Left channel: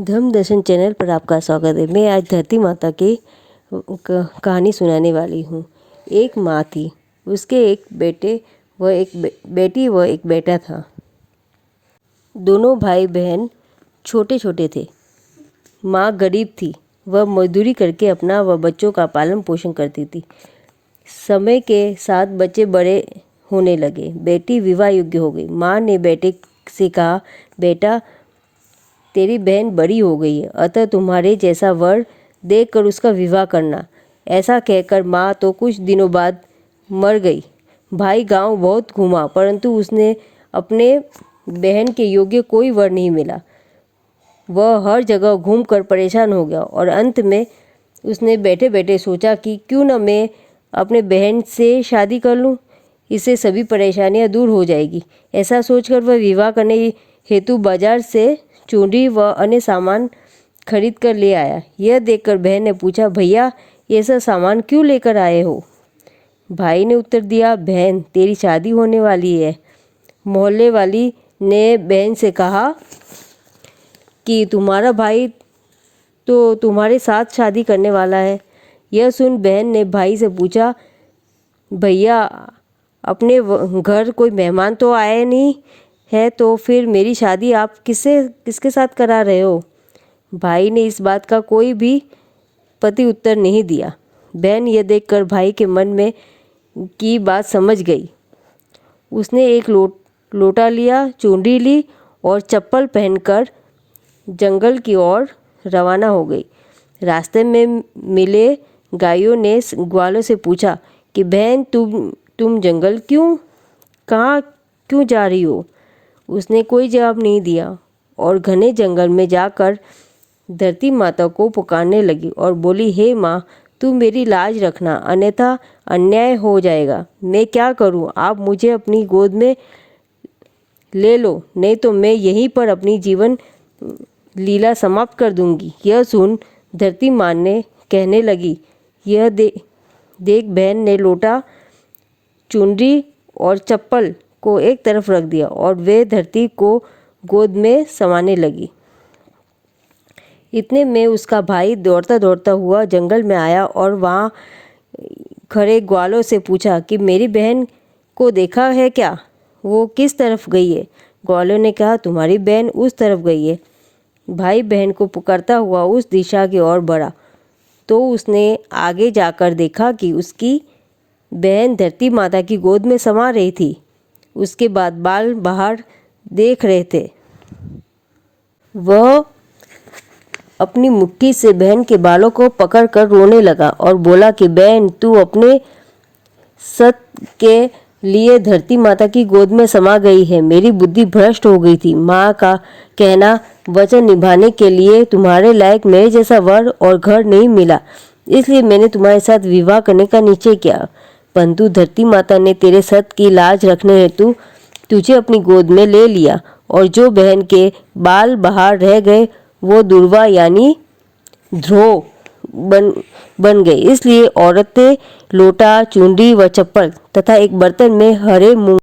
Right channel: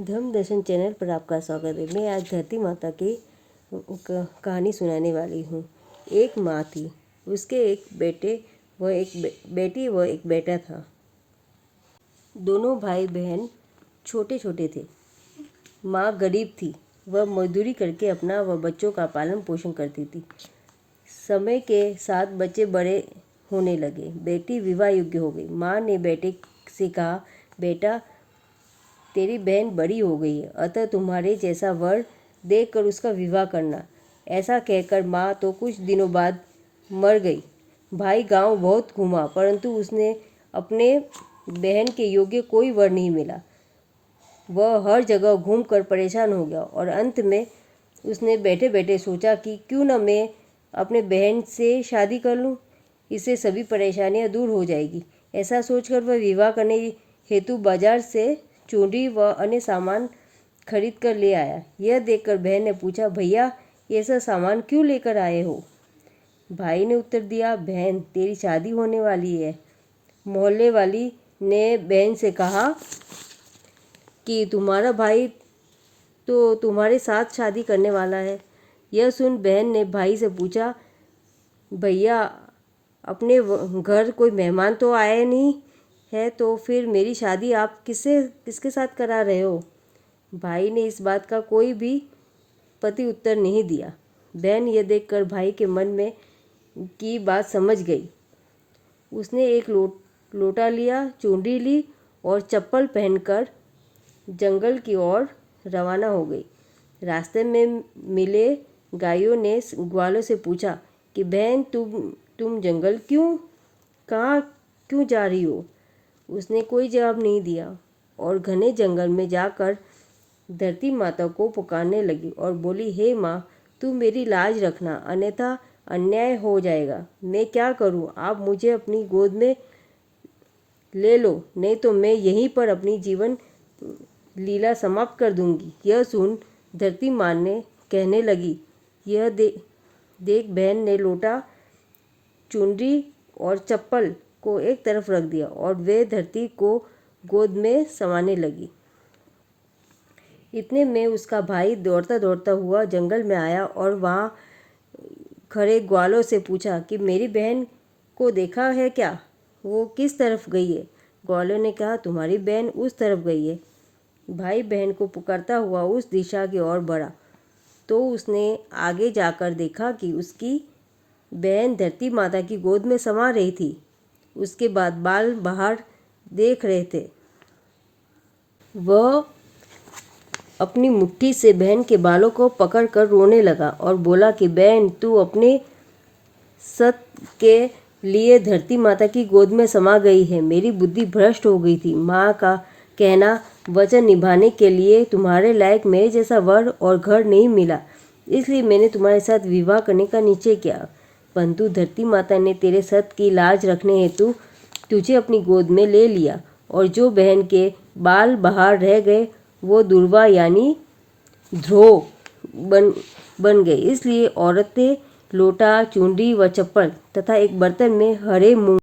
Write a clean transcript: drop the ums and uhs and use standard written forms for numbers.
धर्म दर्शन चैनल पर आपका स्वागत है। मैं आज धरती माता की कहानी सुनाने वाली हूँ। एक माँ थी, उसके एक बेटी व एक बेटा था। दोनों भाई बहन छोटे छोटे थे। माँ गरीब थी, वह मजदूरी करके अपना व बच्चों का पालन पोषण करती थी। समय के साथ बच्चे बड़े होने लगे, बेटी विवाह योग्य हो गई। माँ ने बेटे से कहा, बेटा तेरी बहन बड़ी हो गई है, अतः तुम्हारे जैसा वर देखकर उसका विवाह करना। ऐसा कहकर माँ तो कुछ दिनों बाद मर गई। भाई गांव बहुत घूमा, परंतु उसने अपने बहन के योग्य कोई वर नहीं मिला। वह हर जगह घूमकर परेशान हो गया और अंत में उसने बैठे बैठे सोचा कि क्यों न मैं अपने बहन से शादी कर लूं, इससे सभी परेशानियां दूर हो जाएगी। ऐसा सोचकर वह विवाह करने हेतु बाजार से चूड़ी व अन्य सामान खरीद कर ले आया। यह देखकर बहन ने पूछा, भैया ये सब सामान क्यों लेकर आए हो? भाई ने उत्तर दिया, बहन तेरी शादी होने वाली है। मोहल्ले वाली ने बहन से कहा कि तुम्हारा भाई तो तुम्हारे साथ शादी करने वाला है। यह सुन बहन ने भाई से पूछा, भैया अपने घर कोई मेहमान तो आए नहीं है, तो फिर मेरी शादी आप किसके साथ करा रहे हो? भाई ने इस बात का कोई भी प्रति उत्तर नहीं दिया। बहन यह देखकर भाई के मन में की बात समझ गई। उसने एक लोटा लिया, चुनरी ली और चप्पल पहनकर जंगल की ओर रवाना हो गई। रास्ते में मिले गायों ने ग्वालों से पूछा कि बहन तुम जंगल कहाँ क्यों जा रही हो? उसने कोई जवाब नहीं दिया और घने जंगल में जाकर धरती माता को पुकारने लगी और बोली, हे माँ तू मेरी लाज रखना, अन्यथा अन्याय हो जाएगा। मैं क्या करूँ? आप मुझे अपनी गोद में ले लो, नहीं तो मैं यहीं पर अपनी जीवन लीला समाप्त कर दूंगी। यह सुन धरती माँ ने कहने लगी, यह देख बहन ने लोटा, चुनरी और चप्पल को एक तरफ रख दिया और वे धरती को गोद में समाने लगी। इतने में उसका भाई दौड़ता दौड़ता हुआ जंगल में आया और वहाँ खड़े ग्वालों से पूछा कि मेरी बहन को देखा है क्या? वो किस तरफ गई है? ग्वालों ने कहा, तुम्हारी बहन उस तरफ गई है। भाई बहन को पुकारता हुआ उस दिशा की ओर बढ़ा तो उसने आगे जाकर देखा कि उसकी बहन धरती माता की गोद में समा रही थी। उसके बाद बाल बाहर देख रहे थे। वह अपनी मुट्ठी से बहन के बालों को पकड़कर रोने लगा और बोला कि बहन तू अपने सत के लिए धरती माता की गोद में समा गई है। मेरी बुद्धि भ्रष्ट हो गई थी। माँ का कहना वचन निभाने के लिए तुम्हारे लायक मेरे जैसा वर और घर नहीं मिला, इसलिए मैंने तुम्हारे साथ विवाह करने का निश्चय किया। परंतु धरती माता ने तेरे सत की लाज रखने हेतु तुझे अपनी गोद में ले लिया और जो बहन के बाल बाहर रह गए वो दुर्वा यानी ध्रुव बन गए। इसलिए औरतें लोटा, चुनरी व चप्पल तथा एक बर्तन में हरे मूंग